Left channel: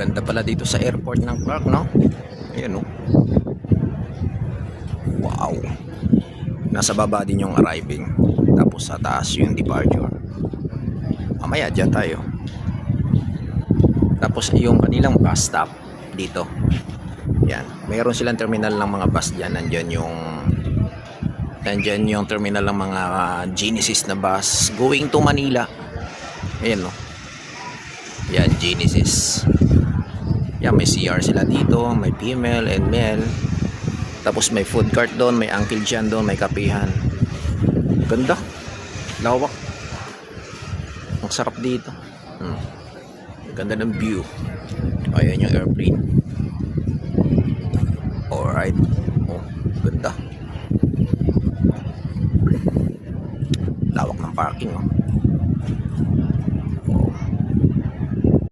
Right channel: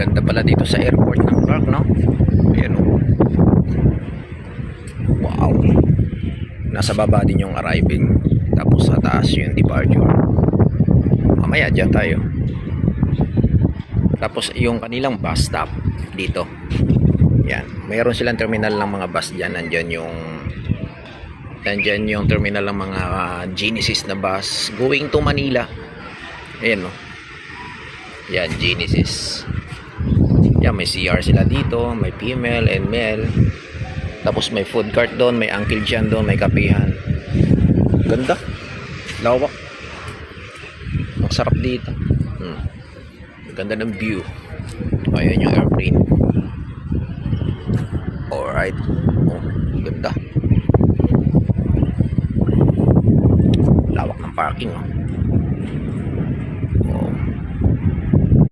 Ganda pala dito sa airport ng Clark, no? Ayan, oh. Wow. Nasa baba din yung arriving, tapos sa taas yung departure. Mamaya dyan tayo. Tapos yung kanilang bus stop dito. Yan. Mayroon silang terminal ng mga bus dyan. Nandyan yung terminal ng mga Genesis na bus going to Manila. Ayan, no? Yan, Genesis. Yan, may CR sila dito. May female and male. Tapos may food cart doon. May Uncle John doon. May kapihan. Ganda. Lawak. Ang sarap dito. Ganda ng view. Ayan yung airplane. Alright. Oh, ganda. Lawak ng parking, oh.